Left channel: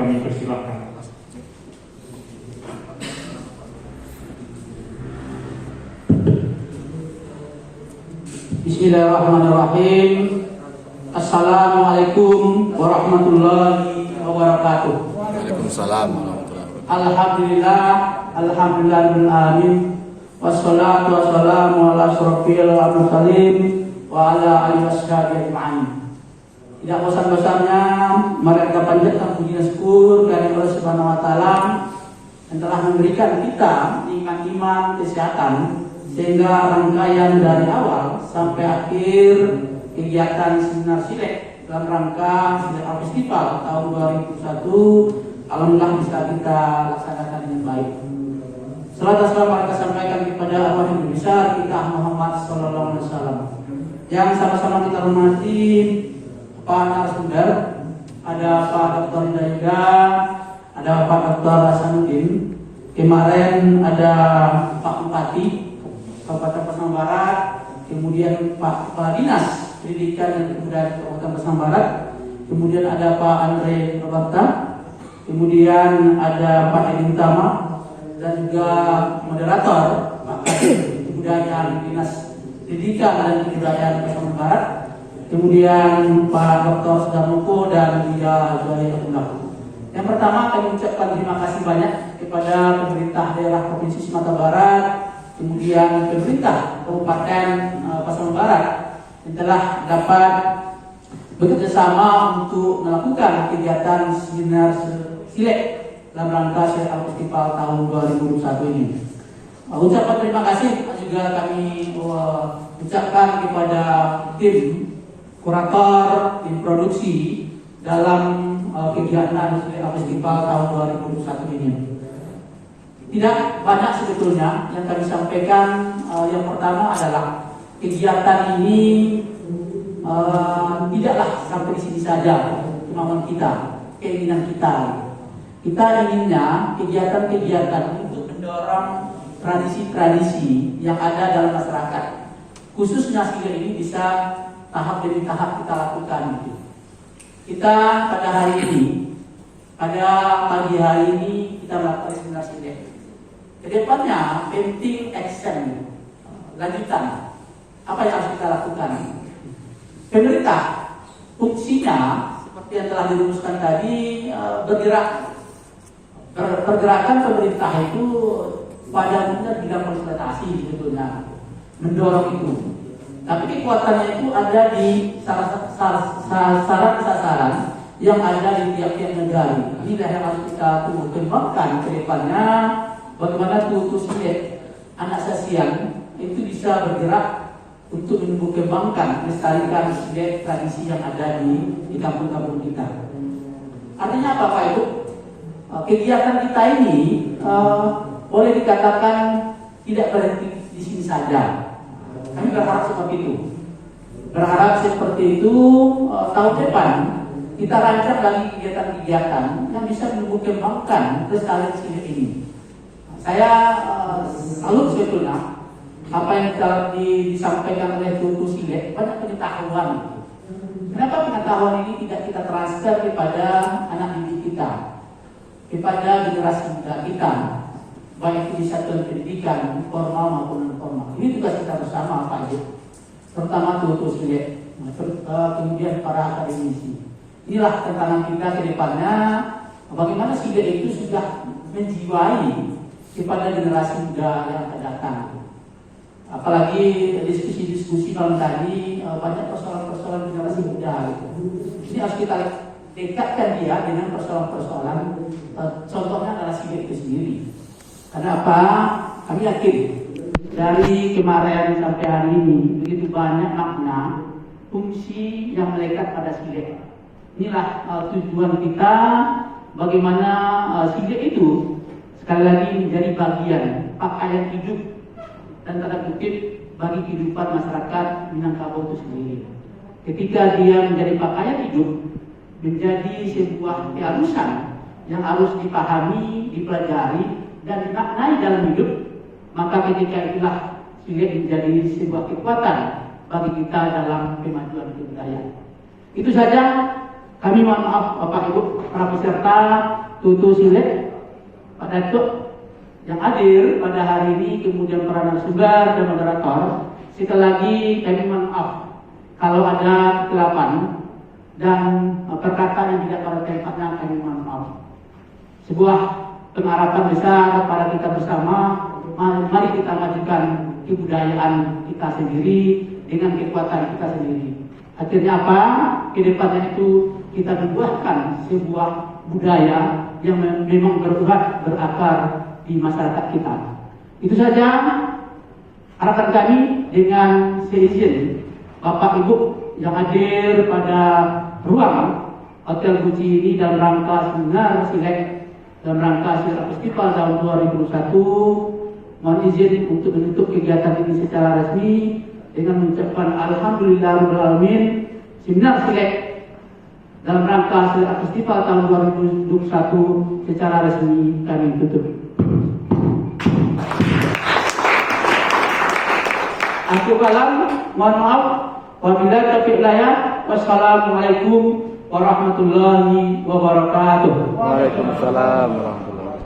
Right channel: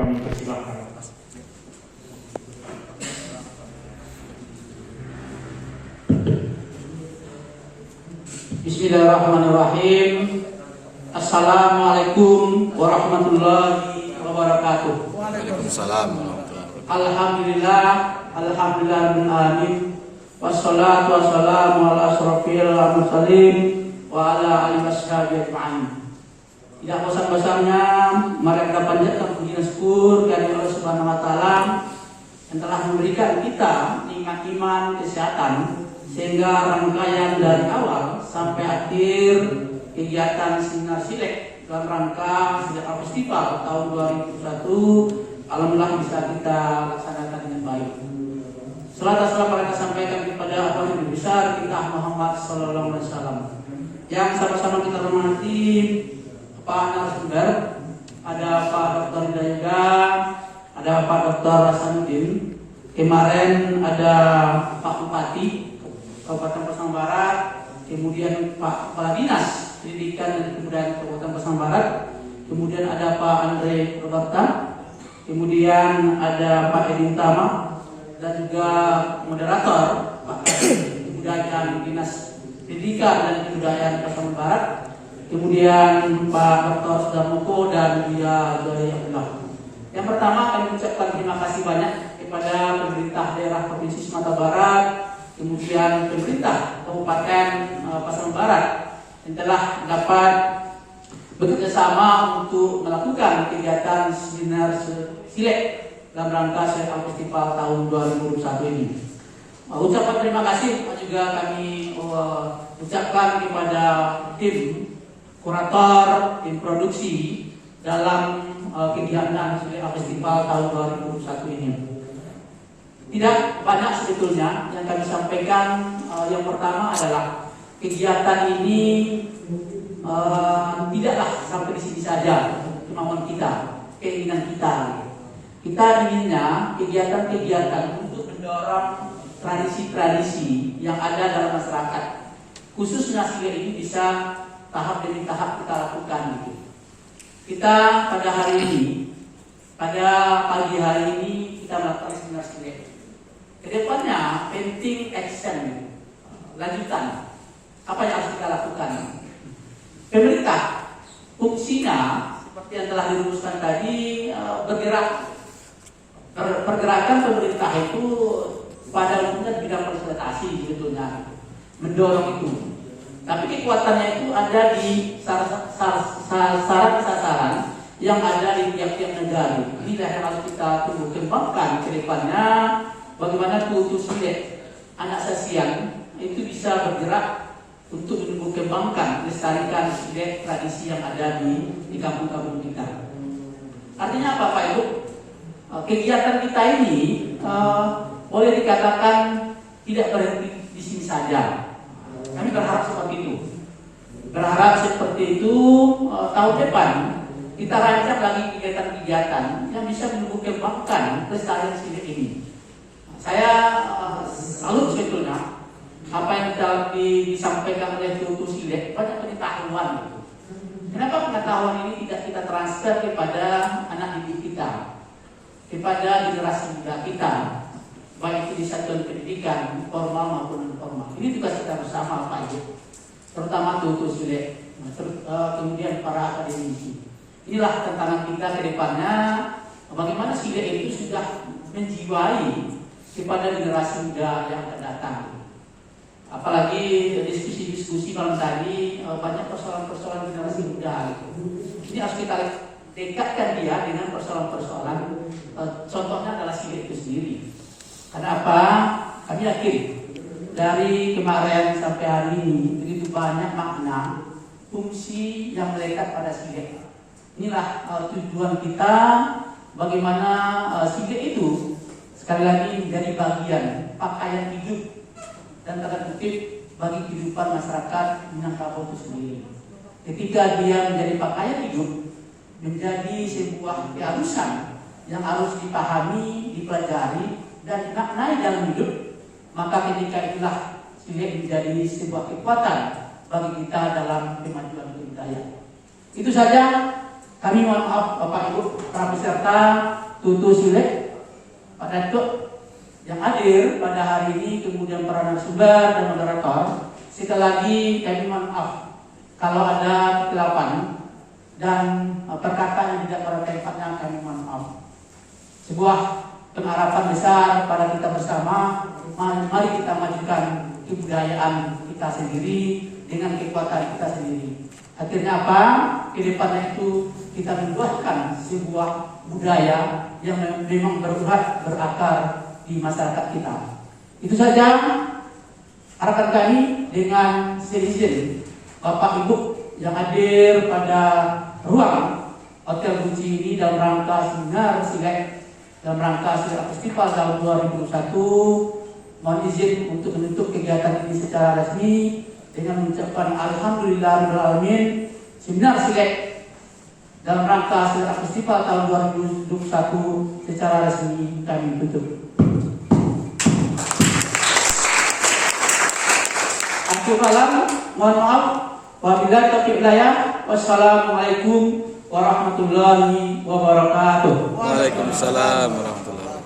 Kami persilakan. Bismillahirrahmanirrahim. Assalamualaikum warahmatullahi wabarakatuh. Waalaikumsalam warahmatullahi wabarakatuh. Alhamdulillah bil alamin. Wassalatu wassalamu ala asyrofil mursalin wa ala alihi washabihi ajma'in. Tidak bosan-bosannya mari kita panjatkan puji dan syukur kepada Allah Subhanahu wa taala yang telah memberikan kita nikmat iman, kesehatan, sehingga rangkaian dari awal sampai akhir kegiatan seminar Silek dalam rangka Silek Festival tahun 2021 alhamdulillah bisa kita laksanakan dengan baik. Salawat dan salam mereka sampaikan kepada Nabi besar kita Muhammad sallallahu alaihi wasallam. Yang sama-sama kita hormati Pak narasumber, ada Pak Dr. Dayuda, ada Pak Dr. Hasanuddin. Kemarin ada Pak Bupati Kabupaten Pasaman Barat, kemudian Pak Kepala Dinas Pendidikan dan Kebudayaan Kabupaten Pasaman Barat, kemudian ada Pak Andre Roberta, kemudian ada Pak Edi Utama, dan juga moderator Pak Kebudayaan Dinas Pendidikan dan Kebudayaan Pasaman Barat, kemudian Pak Dr. Sudarmoko dan Buya Jayahullah. Yang pertama kami mengucapkan terima kasih banyak kepada pemerintah daerah Provinsi Sumatera Barat, kemudian pemerintah Kabupaten Pasaman Barat yang telah dapat bekerjasama untuk melakukan kegiatan seminar Silek dalam rangka Silek Festival tahun 2021 ini. Ucapan terima kasih juga kami ucapkan kepada tim kurator, tim produksi dalam kegiatan Silek Festival tahun 2021 ini. Tidak banyak sebetulnya yang kami sampaikan. Yang pertama adalah kegiatan ini tidaklah sampai di sini saja kemauan kita, keinginan kita. Kita inginnya kegiatan-kegiatan untuk mendorong tradisi-tradisi yang ada dalam masyarakat, khususnya Silek ini bisa tahap demi tahap kita lakukan gitu. Kita pada hari ini, pada pagi hari ini kita melakukan seminar Silek. Kedepannya penting action, lanjutan. Apa yang harus kita lakukan? Pemerintah fungsinya seperti yang telah dirumuskan tadi bergerak. Pergerakan pemerintah itu pada umumnya di bidang konsultasi sebetulnya, mendorong itu. Tapi kekuatannya itu ada di sasaran yang ada di tiap-tiap negara. Ini yang harus kita kembangkan ke depannya. Bagaimana kultur Silek anak sasian itu bisa bergerak untuk mengembangkan, melestarikan Silek tradisi yang ada di kampung-kampung kita. Artinya apa Pak Ibu? Kegiatan kita ini boleh dikatakan tidak berhenti di sini saja. Kami berharap seperti itu. Berharap seperti itu tahun depan kita rancang lagi kegiatan-kegiatan yang bisa mengembangkan kelestarian Silek ini. Saya salut sebetulnya apa yang telah disampaikan oleh Tutu Silek, banyak pengetahuan. Kenapa pengetahuan ini tidak kita transfer kepada anak didik kita, kepada generasi muda kita, baik di satuan pendidikan formal maupun non formal. Ini tugas kita bersama Pak Ibu, terutama Tutu Silek, kemudian para akademisi. Inilah tantangan kita ke depannya, bagaimana Silek itu sudah menjiwai kepada generasi muda yang akan datang. Apalagi diskusi-diskusi malam tadi banyak persoalan-persoalan generasi muda. Ini harus kita dekatkan dia dengan persoalan-persoalan. Contohnya adalah Silek itu sendiri. Kenapa? Kami yakin dari kemarin sampai hari ini begitu banyak makna, fungsi yang melekat pada Silek. Inilah tujuan kita, bagaimana Silek itu sekali lagi menjadi bagian pakaian hidup dan tanda kutip bagi kehidupan masyarakat Minangkabau itu sendiri. Ketika dia menjadi pakaian hidup, menjadi sebuah keharusan yang harus dipahami, dipelajari dan dimaknai dalam hidup, maka ketika itulah Silek menjadi sebuah kekuatan bagi kita dalam kemajuan budaya. Itu saja Kami mohon maaf Bapak Ibu para peserta Tutu Silek, Pak Datuk yang hadir pada hari ini, kemudian para narasumber dan moderator. Sekali lagi kami mohon maaf kalau ada kekeliruan dan perkataan yang tidak pada tempatnya, kami mohon maaf. Sebuah pengharapan besar pada kita bersama, mari kita majukan kebudayaan kita sendiri dengan kekuatan kita sendiri. Akhirnya apa? Kedepannya itu kita membuahkan sebuah budaya yang memang berurat, berakar di masyarakat kita. Itu saja harapan kami. Dengan seizin Bapak Ibu yang hadir pada ruang Hotel Guci ini dalam rangka seminar Silek, dalam rangka Silek Festival tahun 2021, mohon izin untuk menutup kegiatan ini secara resmi dengan mengucapkan Alhamdulillahirrahmanirrahim. Seminar Silek dalam rangka Silek Festival tahun 2021 secara resmi kami tutup. Akhir kalam, mohon maaf. Wabillahi taufiq hidayah. Wassalamualaikum warahmatullahi wabarakatuh. Waalaikumsalam warahmatullahi wabarakatuh.